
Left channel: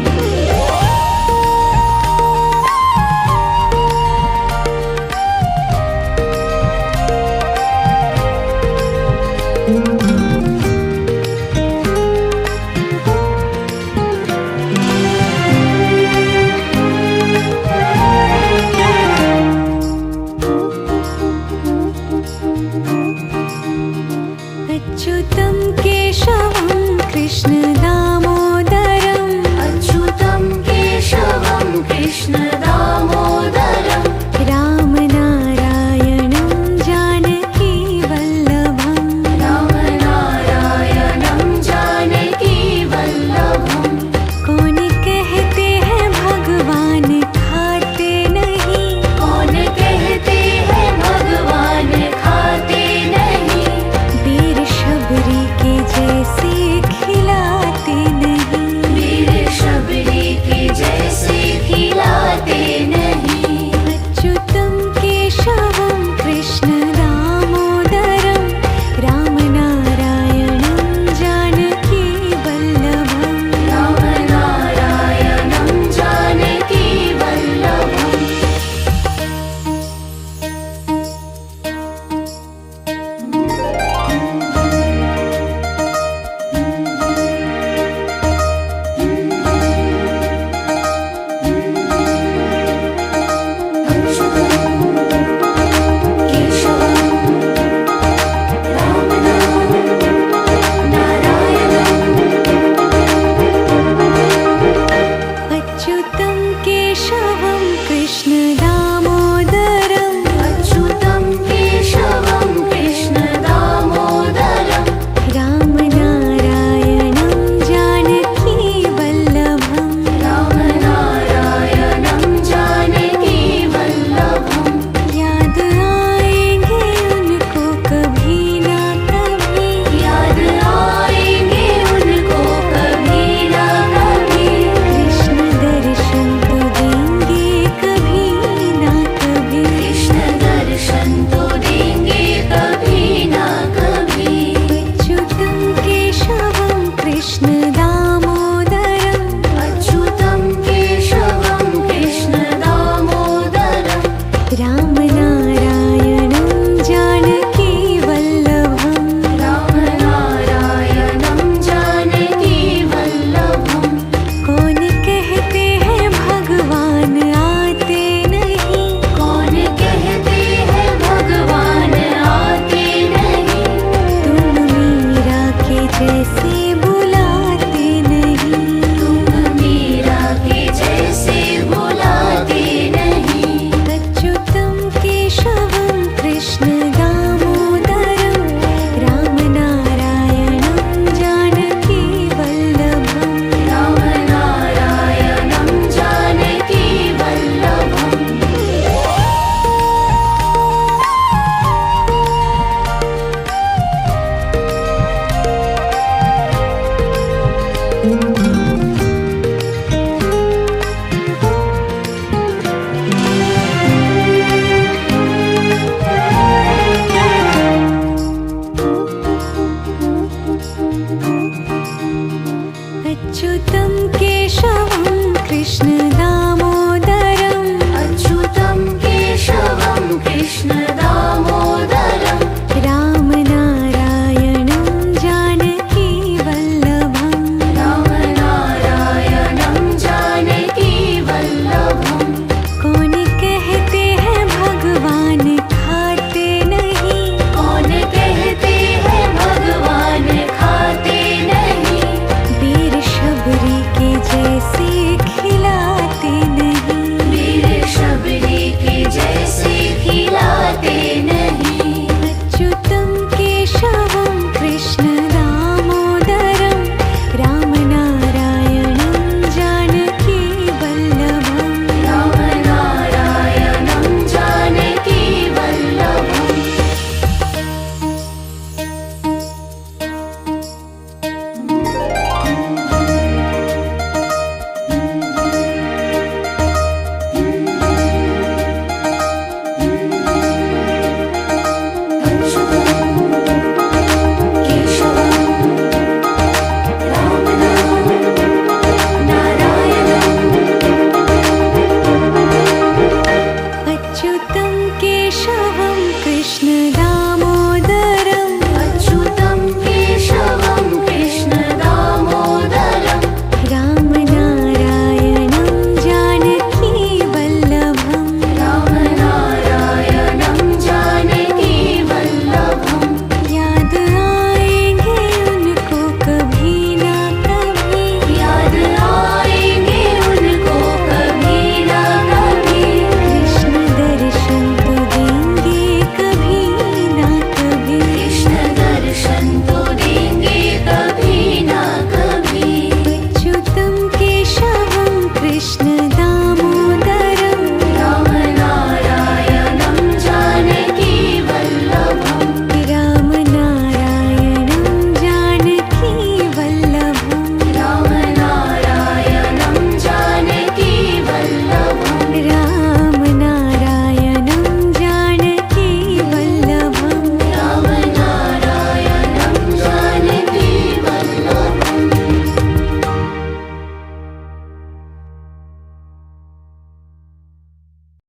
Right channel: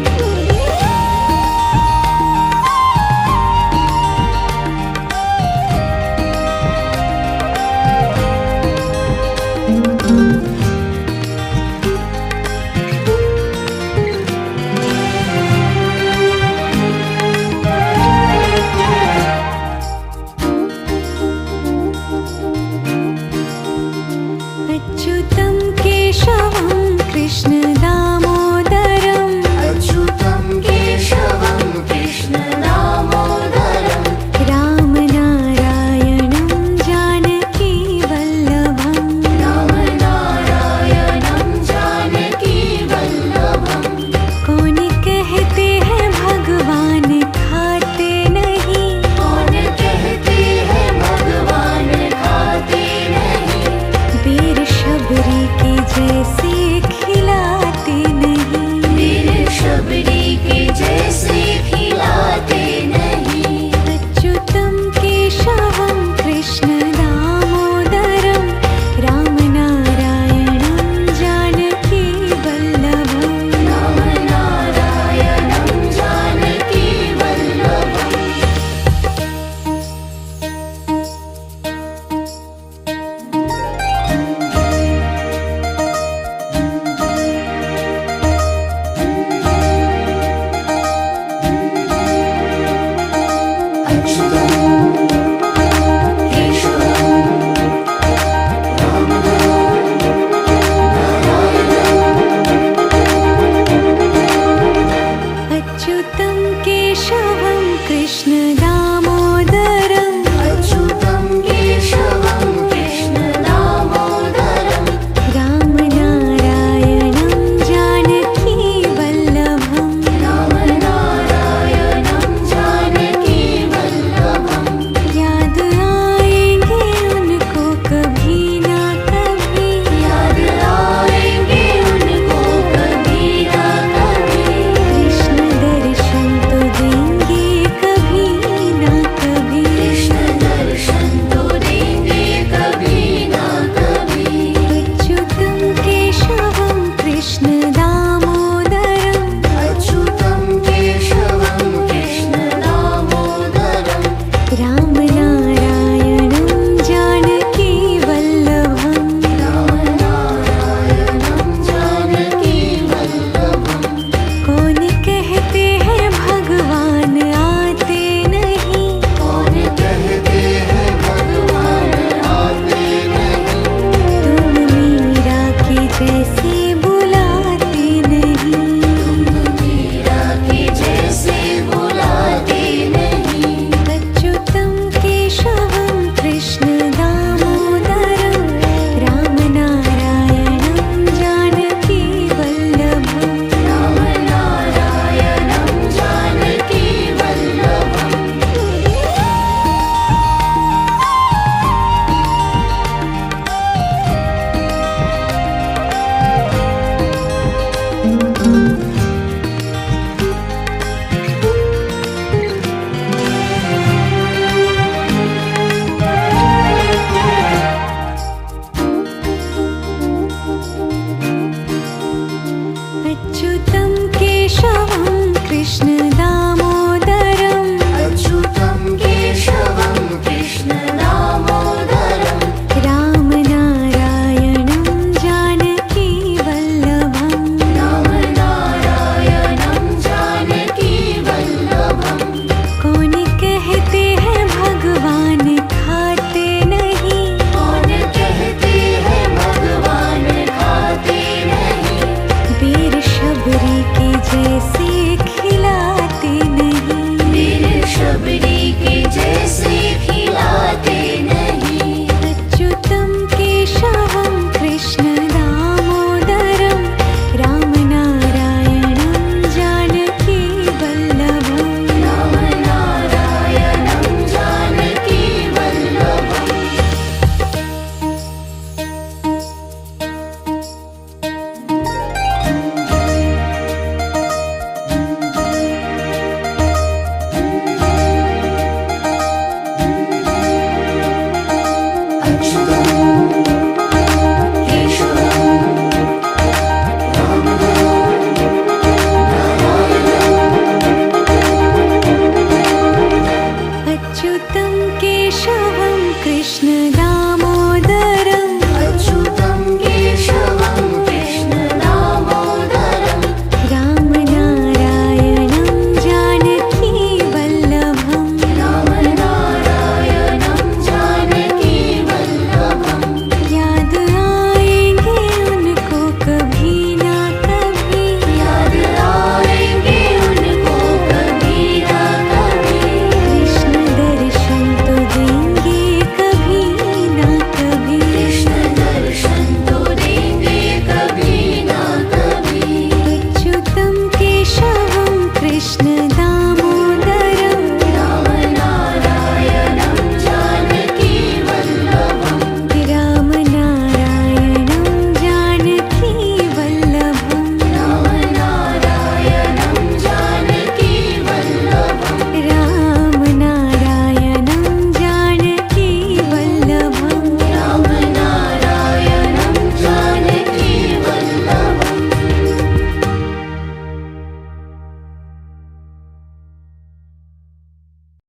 अच्युतं केशवं कृष्ण दामोदरम् अच्युतं केशवं कृष्ण दामोदरं रामनारायणं जानकी वल्लभम् रामनारायणं जानकी वल्लभं कौन कहते हैं भगवान खाते नहीं कौन कहते हैं भगवान खाते नहीं वीर शबरी के जैसे खिलाते नहीं जैसे बुलाते नहीं। मीरा के जैसे बुलाते नहीं। अच्युतं केशवं कृष्ण दामोदरं रामनारायणं जानकी वल्लभम्। रामनारायणं जानकी वल्लभम्। अच्युतं केशवं कृष्ण दामोदरं अच्युतं केशवं कृष्ण दामोदरं। रामनारायणं जानकी वल्लभम्। रामनारायणं जानकी वल्लभम्। कौन कहते हैं भगवान खाते नहीं। कौन कहते हैं भगवान खाते नहीं। वीर शबरी के जैसे खिलाते नहीं। वीर शबरी के जैसे खिलाते नहीं। अच्युतं केशवं कृष्ण दामोदरं